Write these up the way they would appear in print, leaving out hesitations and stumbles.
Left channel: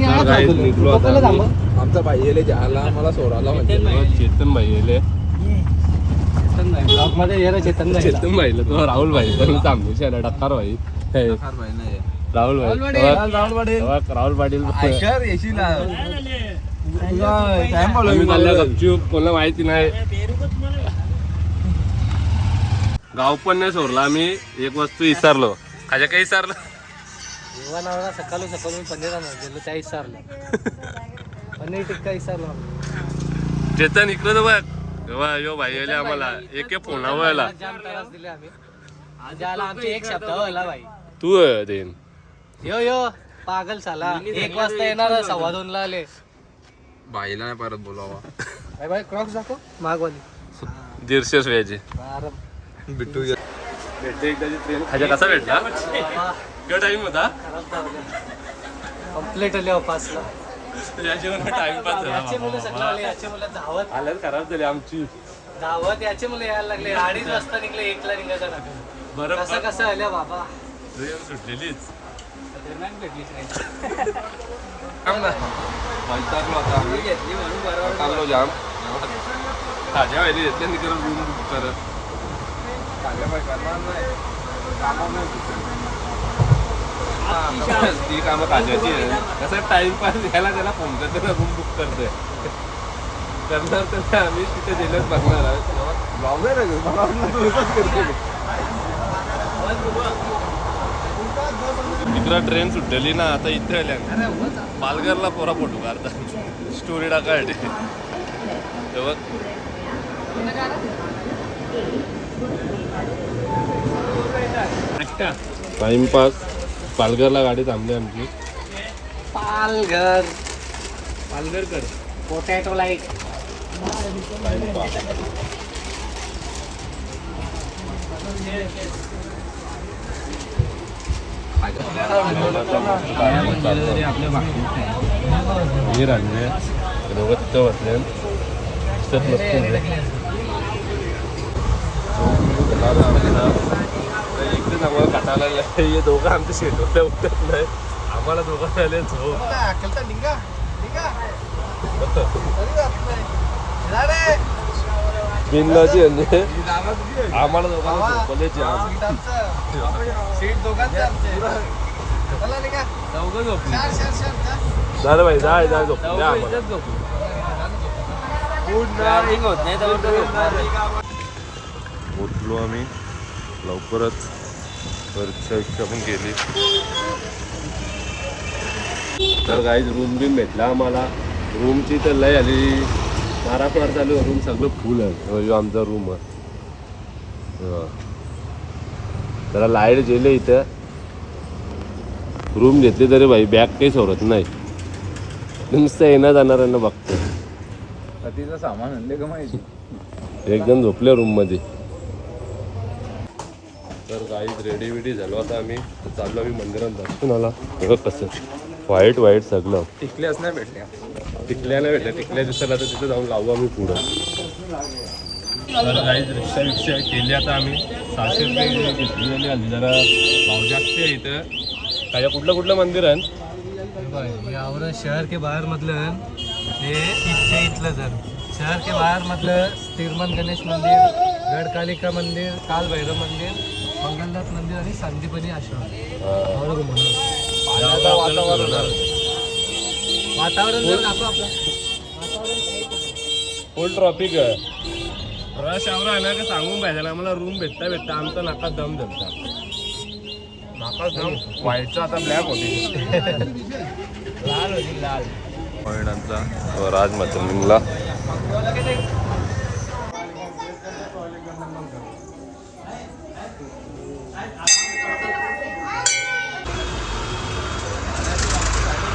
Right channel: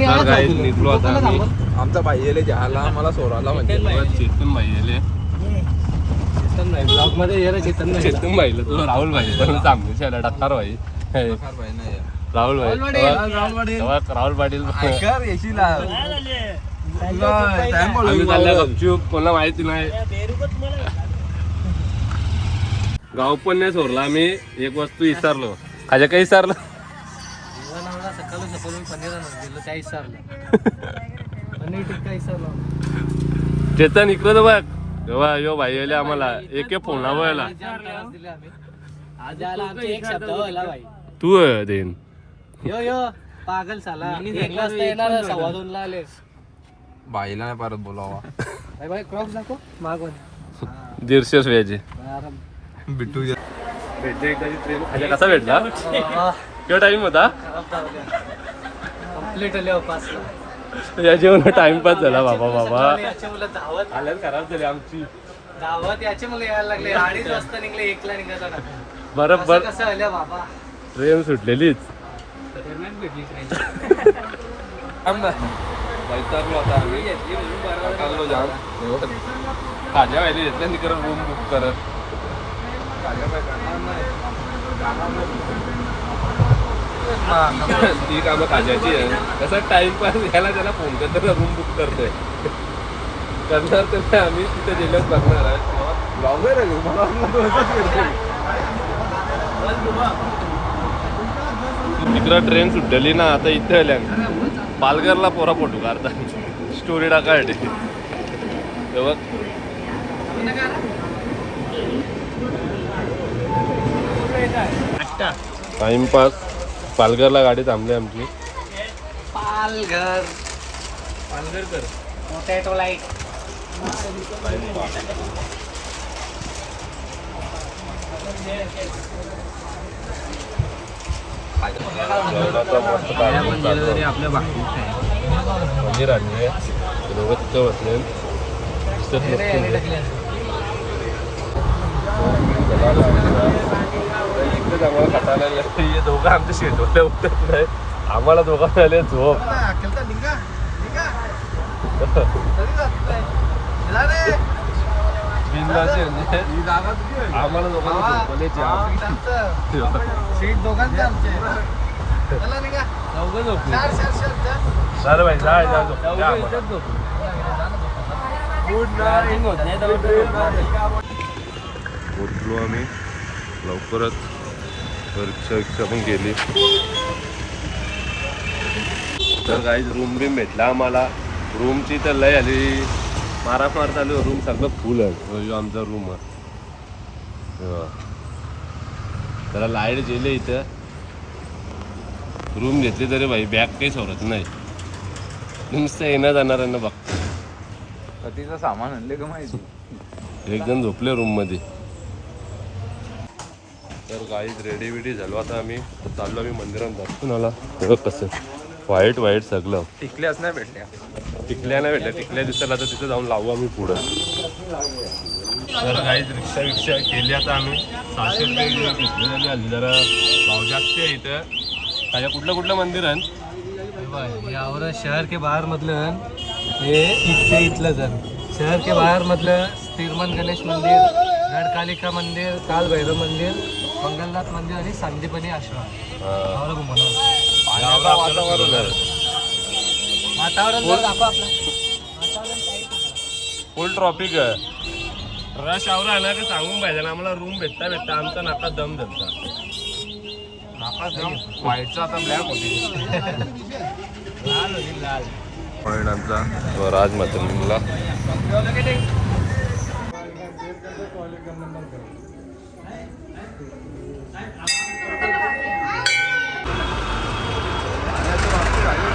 तर काय निघलो आता आम्ही. आमचा भाई येले घ्यायला मला सोडायला म्हणजे चेतन भाई येले. चेतन भाईला तो राहुल भाई पण तांबेशाला डक्कार भाई राहुल भाई राहुल पाटील आम्ही चालल्या गपचूप कोणाला माहिती नाही. गाव पण नाही सोडला आम्ही. एक वस्तू विसरलो. खाजा काही विसरलो सकाळी सकाळी पनीर गेलो त्या विसरलो. पनीर टिक्का विसरलो. चेतन इकडं बघ तेव्हा यो भाई आले आम्हाला एक फोनावरला तू देन यो यो पागल साला. 1 वाजता येणार 2:15 आले. भाईला नाही परत बोलावा. क्रॉस दाखव मागवून 150 व्याजे बिट्टू भेटले एकदाची ट्रेन. खाजा कसा भेटला किंवा टाइम होता कंप्लीट आले 5ला. याच्यावर टाइमपास झाला बाबा बाबा. आल्यात खराब झाली आमची धावत. याचे मला यायला लागले 2:30 वाजता निघले 1ला निघायचा ना. बरोबर कसं आल्या बाबा. ट्रेन सुटलेलीच. भेटली ट्रेन. वैतागलो आता आम्ही. वैतागलो जाम. खाजा व्हायला घेतलं नि करत रूम बुक करत ती कामं खाजाची आहे. कसं टाइमपास घ्यायला त्याला फोन करतो रूम बुक करतोय करणार तर आम्ही तिथे गेलोच बघणार. ब्लॉगर आहे मला तिकडं ट्रेन सुटलेली ना. आता इथे आल्या पालघरला पोरा फोटो काढता स्टोरी टाकायसाठी. तेव्हा टाइमपास पालघरला गाडी थांबली आमची. पालघर पालघरकर पोटॅटो लाईक. आपल्या बाकी राहिले दोघं तिथं बसले. एकच आम्हाला खटायला हे दोघं आमच्या शेटवरल्या उठत नाही. आम्हाला दोघांना आले झोप. बिनलाची म्हणजे आम्हाला दोघांना झोपल्याची सीट दोघांचे आमचे. चौघं झोपली. झालं भाई जा झोप. उठलो आम्ही लवकरच. परीक्षा पण केली. तर काही रूम बिम भेटला आम्हाला. रूमची तर लय आली मारामार चालू. रूम सगळं फुल आहे. आमचा रूम आहे. त्याला लाईट गेले इथं. रूम घेतली तरी भाई बॅग काही सोडत नाही. नुसतं येणं जाणाऱ्यांना बघतो. तिचं सामान आणले का माहिती. एकदम झोपले रूम मध्ये. तर काहीच रेडी बिडी झालो. आता आम्ही चाललो. आम्ही मंदिरात दर्शन आला. हे कसं वाईट सगळं. टिकल्याच नाही भेटल्या. टिकल्या नाही भेटल्या. टिकल्या दिसायला तर तिथं जाऊन लावू आम्ही पुढं. तर काहीच रिक्षा केली आता आम्ही. 600 रुपये घेतली आली. जरा भाव जास्त आहे इथं. काय कुठलं मंदिर आहे यावर शहर के बाहेर मधलं हे इथलं जण. शहर के बाहेर मधलं तिरमन गणेश मंदिर, गडकालिका मंदिर, काल भैरव मंदिर, मंगलनाथ मंदिर आणि संदीपनी आश्रम. वातावरण जर दाखव आपला. फुल ट्रॉफिक रश आवर आणा का सांगून पाहिजे आम्हाला. रूम भेटता आमचा नाकात दम धरता. नाकाच दम व्हाईटचा आता ब्लॅक होते. लाल होती लाल. आमचा राज मातंगला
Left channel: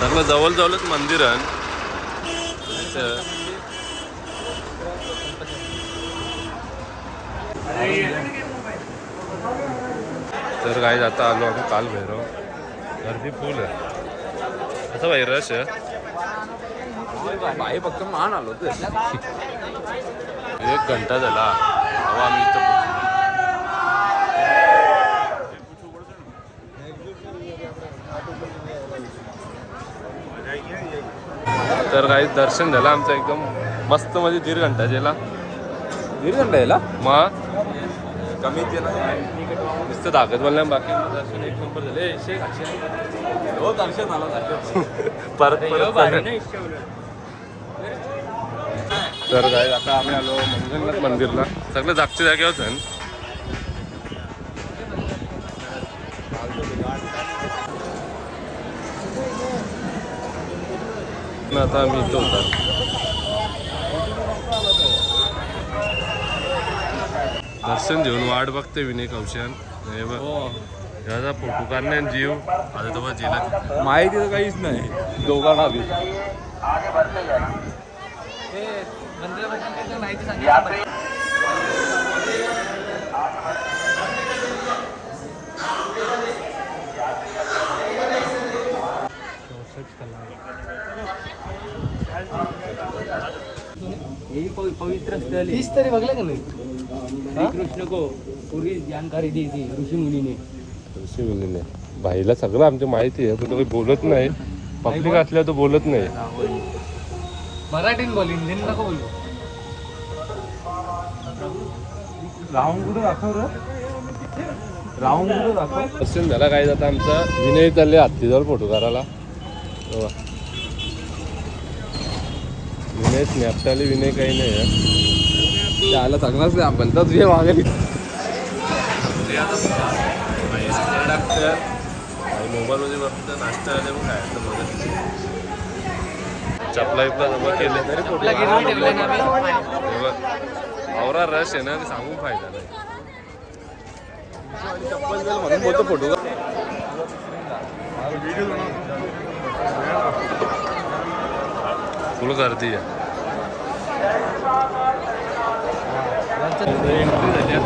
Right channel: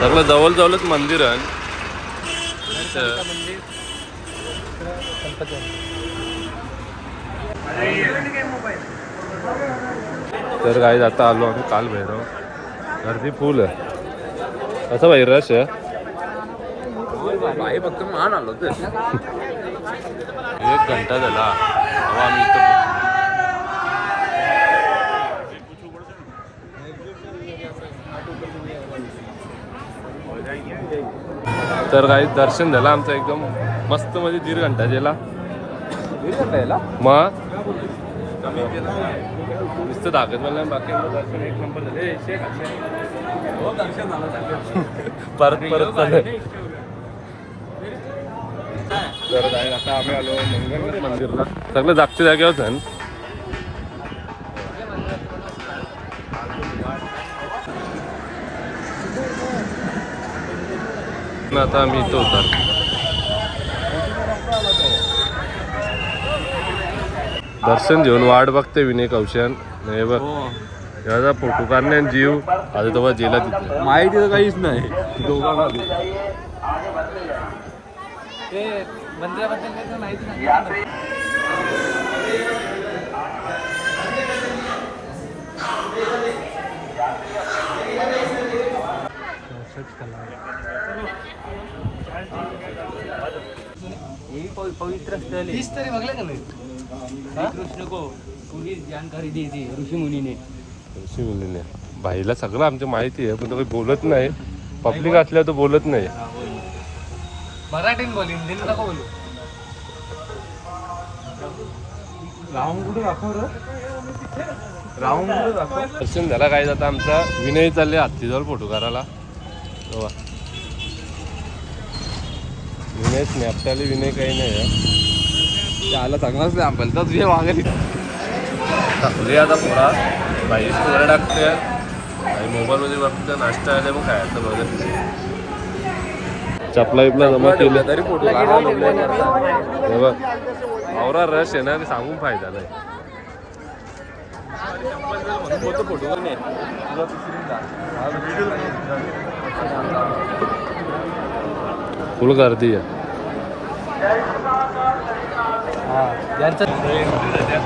सगळं जवळच मंदिर आहे. तर काही आता आलो आम्ही काल भैरव. गर्दी फुल आहे. असं भाई रश आहे. बाई फक्त मान आलो ते 1 घंटा झाला. हवा आम्ही इथं तर काही दर्शन झालं आमचं एकदम मस्त मध्ये 1.5 घंटा गेला. 1.5 घंटा यायला मग कमी केला नुसतं दाखत बोलल्या बाकी दर्शन एक नंबर झाले. हो दर्शन आलं परत चालू. तर काय आता आम्ही आलो मंगलनाथ मंदिरला. सगळं जागच्या जागेवर आहे. आता आम्ही इथं उतार. दर्शन घेऊन वाट बघते विनय कौशन. हे बघ याचा फोटो काढणे जीव आता तेव्हा जेला तिथे माहिती तर काहीच नाही दोघांना आधी. पवित्र स्थल तीच तरी बघले का मी श्री कृष्ण को पूरी जानकारी दी थी ऋषि मुनि ने. ऋषी मुलीने बाईला सगळं आमच्या माहिती आहे पण तुम्ही बोलत नाही. पब्लिक असल्या तर बोलत नाही. मराठीत बोल हिंदीत नको बोलू. राहून कुठं दाखव रे राहून कुठं दाखव. दर्शन झाला काय आता आमचा विनय चालले हत्तीजवळ फोटो काढायला. विनय स्नॅपचाले विनय काही नाही आहे. त्याला चांगलाच नाही आपण तर तुझे मागे टाकले आता पुरा बाई स्टोऱ्या टाकते मोबाईलमध्ये बघते नाश्ता आले मग खायचं बघत. चपला बिपला जमा केले तरी फोटो हे बघ आवरा रश आहे ना की सांगून फायदा नाही. म्हणून बोलतो फोटो फुल गर्दी आहे.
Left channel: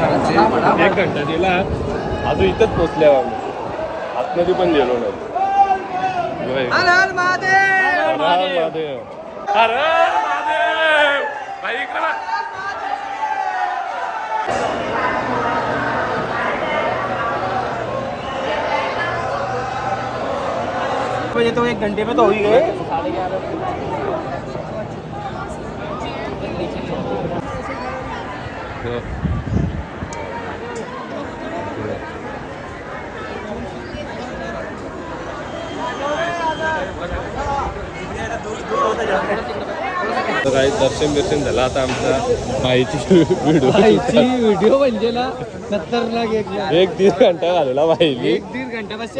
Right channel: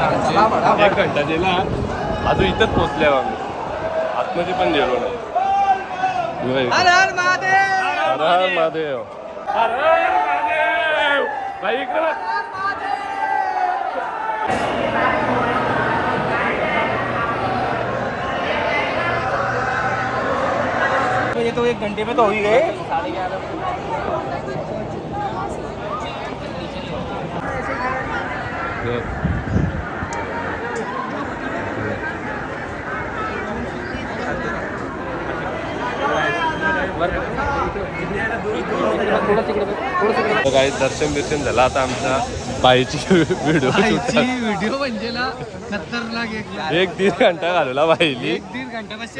आमची 1 घंटा गेला अजून इथंच पोचल्यावर आम्ही आतमध्ये पण गेलो नाही. महादेव भाई इकडे बघ. ये तो 1 घंटे में तो हो ही गए. काही दर्शन बिर्शन झालं आता आमचा बाईची व्हिडिओ म्हणजे ना 70 लाख 1-1.5 घंटा घालवला बाईली. 1-1.5 घंटा बस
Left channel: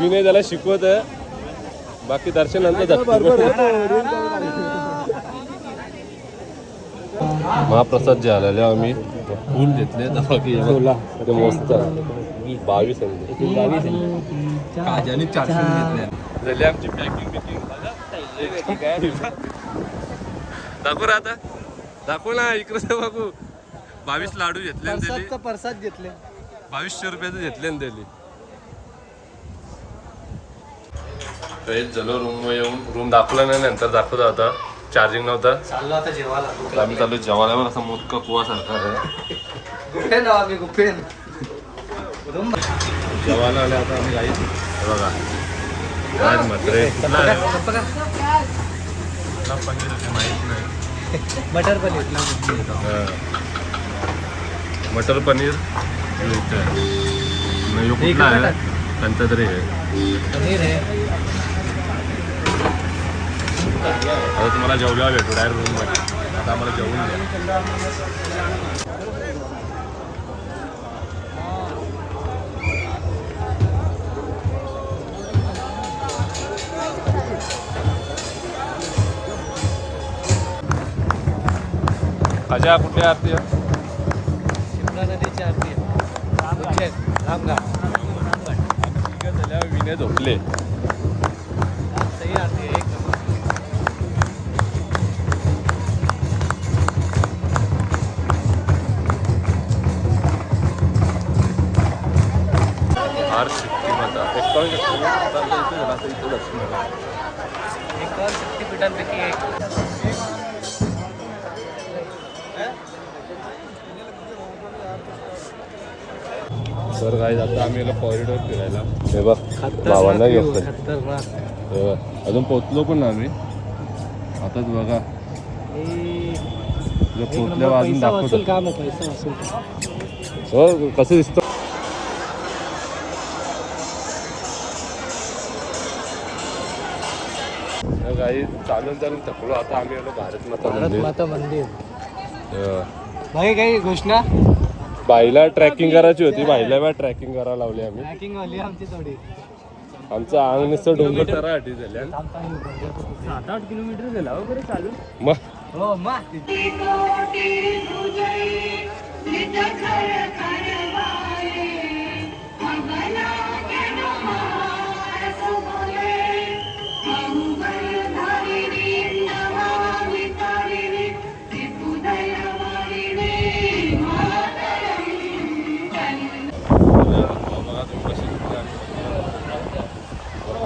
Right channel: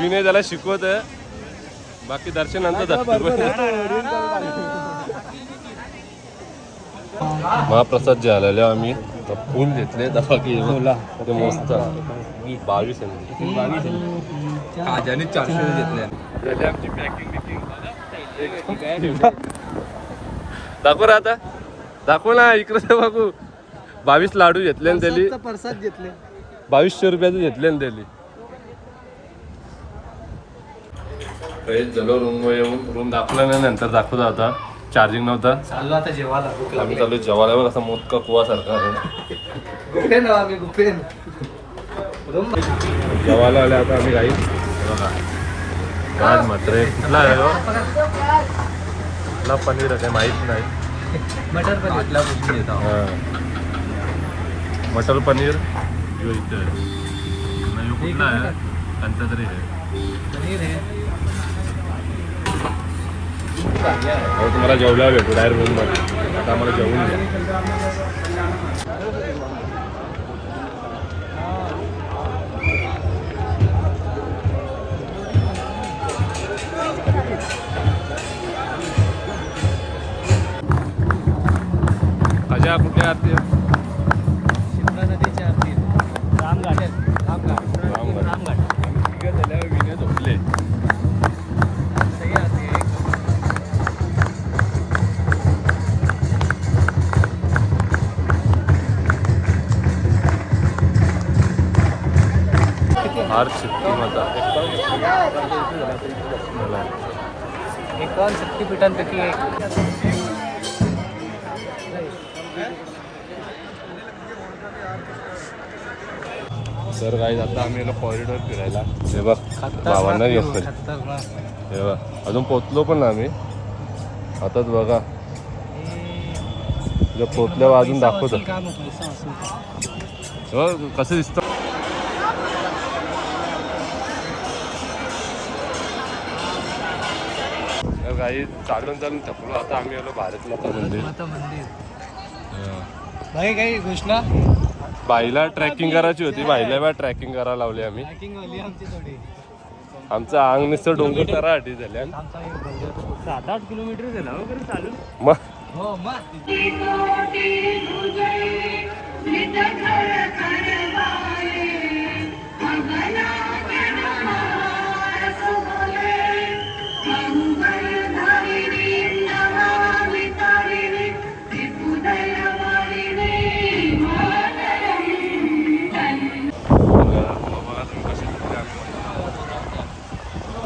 विनय त्याला शिकवत आहे बाकी दर्शन नंतर महाप्रसाद जे आलेले आम्ही फुल घेतले ते मस्त 22 काजाने 400 घेतले. आमची पॅकिंग दाखव रा आता दाखव ना इकडे बघू. 22 लाडू घेतले आणि त्याली प्रसाद घेतले 2200 रुपयाचं घेतले ना त्याली. चलो रूम येऊन रूम दाखवला नाही नंतर दाखवता आता चार्जिंग नव्हता. चाललो आता जेवायला. आम्ही चालू जेवायला बघ असा मोदका कुवा सारखा आहे. गुफेन आम्ही गुफेन जेवायला आले आता आम्ही काही बघा आज मटरे पनीर आहे माहीत नाही. मटर पण घेतला मटर पनीर जो इथं आहे यो कुठला आहे कोणता तरी आहे. पनीर आहे हे तुम्हाला जेवल्यावर भेटू डायरेक्ट रूममध्ये. आता आम्हाला जेवून द्या. खाजा कुठल्या आरती आहे? शिमला नदीची आरती रामघाट आम्ही तिघं झाल्यावर विनय झोपले. सही आरती आहे. हार शक्ती माता इथे झाला आता इथे दर्शन झालं. 51 शक्तिपीठांपैकी एक. तर काय आता आम्ही गेलो कॉरिडॉर फिरायला. हे बघ भावांना घेतो. खतरनाक. हे बघ अजून पोचलो पण ना आम्ही. आताच बघा तुला पोचल्यावर अजून दाखवतो हो कसं दिसतं. काही चालून चालून थकलो. आता आम्ही आलो भारत माता मंदिर. माता मंदिर. हा. बाई काही घोषणा बाईला ट्रॅकिंग करायची होती. बाईला ट्रॅकिंग करायला लावली आम्ही. ट्रॅकिंग वाली आमची थोडी. आमचं अंग नुसतं डोंगर करासाठी झाल्या. 7-8 किलोमीटर झाला वगैरे चालून. मग हो मग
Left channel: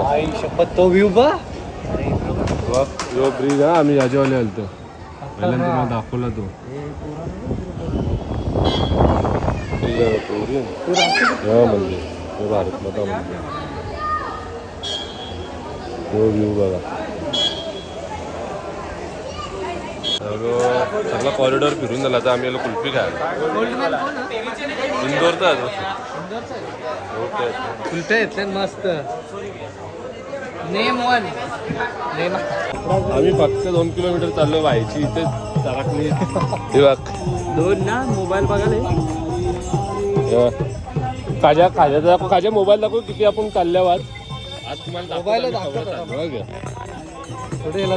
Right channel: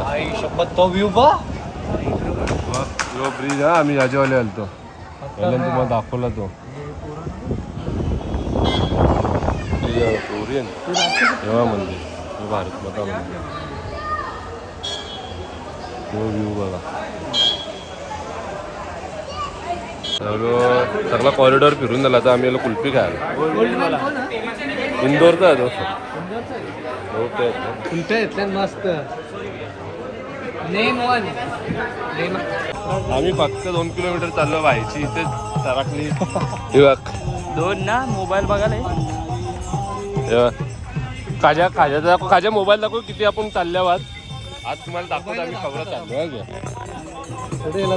आई शपथ तो व्ह्यू बा. यो ब्रिज हा आम्ही याच्यावाले आलतो पहिल्यांदा तुम्हाला दाखवला तो. कोरियन मंदिर हे भारत माता मंदिर. तो व्ह्यू बघा. सगळा कॉरिडॉर फिरून झाला. तर आम्ही कुल्फी खायला. इंदोरचा आहे तो. कुल्फ्या घेतल्या मस्त. Name one. आम्ही फक्त 2 किलोमीटर चाललो व्हायची. इथे तराकली 2 ना मोबाईल बघायला. खाजा मोबाईल दाखव किती आपण चालल्यावर. आज तुम्हाला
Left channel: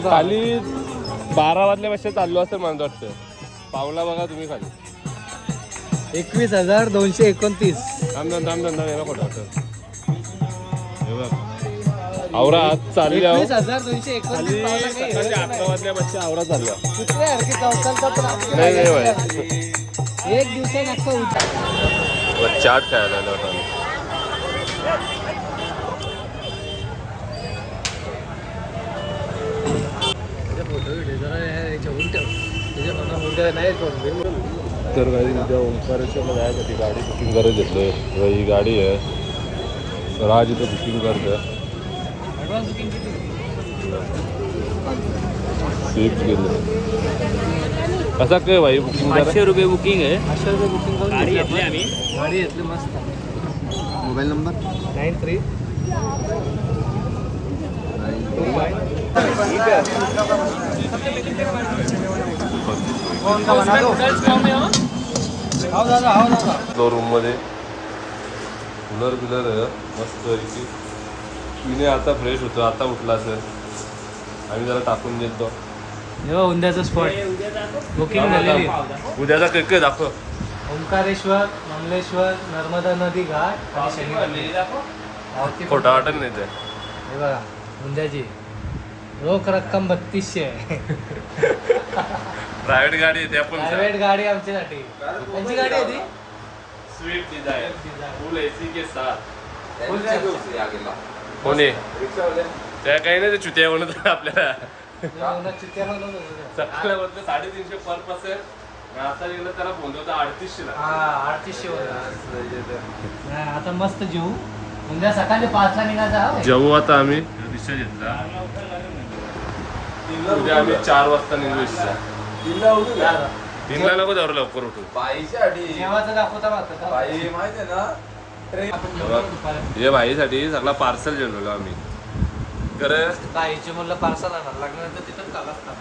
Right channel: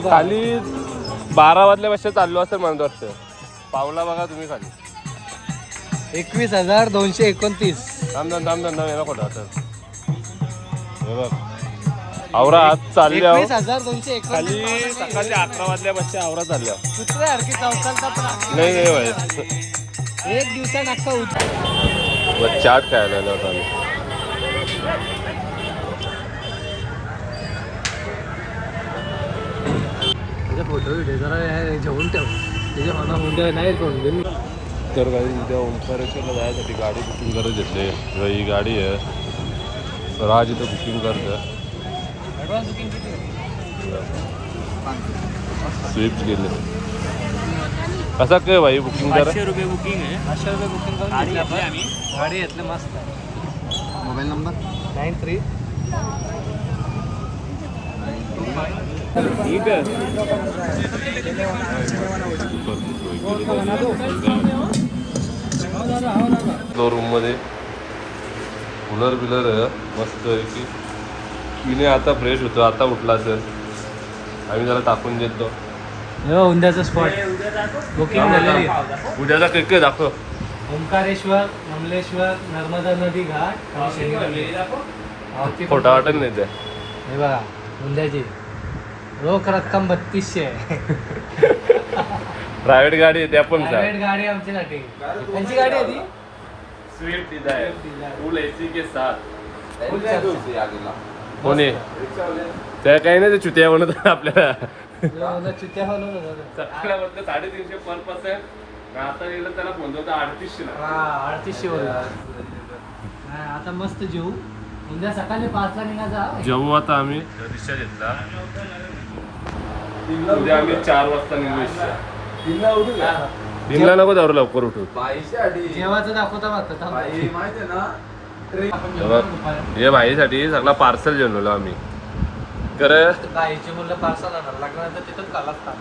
खाली 12 वाजल्यापेक्षा चाललो असेल म्हणत वाटतं. पावला बघा तुम्ही खाली 21,229. आवरा आज चालल्या 21,229 खाली सकाळी 11 वाजल्यापेक्षा आवरा चालल्या. एक दिवसा चाट खायला आलो होता आम्ही. फोटो व्हिडिओ जरा जेवून ठेव. त्याच्या मना मुंडे नाही कोण. तर काही उद्या ओंकारेश्वरला जायसाठी गाडी बुकिंग करत घेतले. ही गाडी आहे. राज इथं बुकिंग करतं. स्विफ्ट गेले. कसा काय भाई बुकिंग करा. 500 रुपये बुकिंग आहे. 500 रुपये बुकिंग करून गाडी घेतली आम्ही. गाडी घेतली मस्त. मोबाईल नंबर 93 रूम मध्ये कूलर बिलर आहे मस्त. तिने आता फ्रेश होतो. आता उठला असेल. आम्ही त्याला टाकून देतो. उद्याचा स्पॉट बुकिंग झालेली. उद्याचा काय दाखव. ओंकारेश्वर, कमलेश्वर, नर्मदा नदी घाट आणि शनी मंदिर. खोटा वाटत नाही ते. हे बघा उद्याची रोख रक्कम 3200 आहे. प्रायव्हेट गाडी आहे त्या पण प्रायव्हेट गाडी आमच्यासाठी. कोणची गाडी आहे ती? स्विफ्ट डिझायर फुल एसी के साथ. कोणी त्या काही नाही. ते चुत्या म्हणत आपल्याला. सकाळमधलं 350 पर पर्सन. आता गेलं त्याला फोन होता 3800 ला. 3800. आता मस्त जेऊ. उद्या सकाळी 5ला निघायचा. जेवू आता आम्ही. रिक्षा घेतला. उद्या आम्ही 4 वाजता निघू. 3ला नको जाऊ लवकर उठू. जेवायचं दाखवता हे भाईसाठी सगळा पार्सल जेवलो आम्ही. बाईची मुलं पार्सल आणणार लागल्यानंतर तिथून कालाच काम.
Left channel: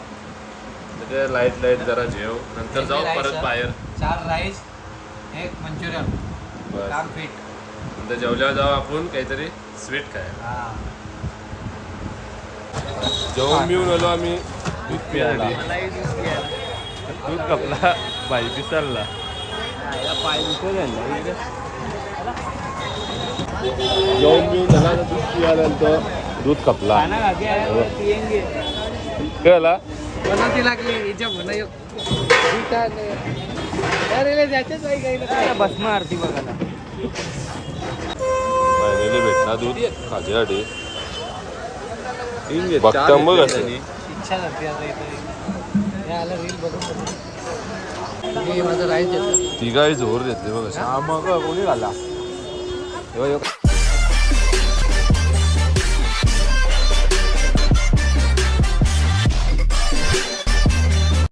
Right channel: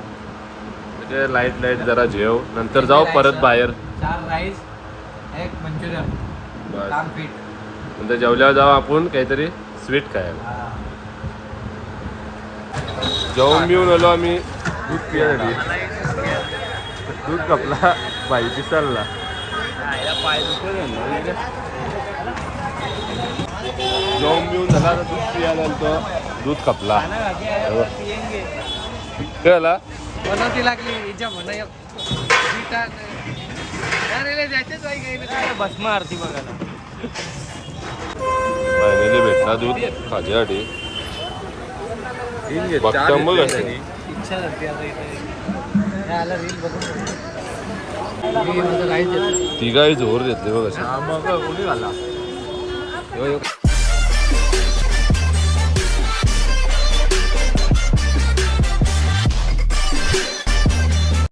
लाईट जरा जेव. नंतर जाऊ परत बाहेर. 4 राईस 1 मंचुरियन काम फिट. नंतर जेवल्यावर जाऊ आपण काहीतरी स्वीट खायला. जेवून बिवून आलो आम्ही. दूध पियासाठी. दूध कपला बाई पिसालला. जेवून बिवून झाला तर दूध पियाला तो दूध कपला. बनवती लागली भस्म आरती बघायला. फायनली भेटला दूध खाज्यासाठी. बघता मग असं इच्छा माझं राईस ती काय जोर देते बघ अशी. यो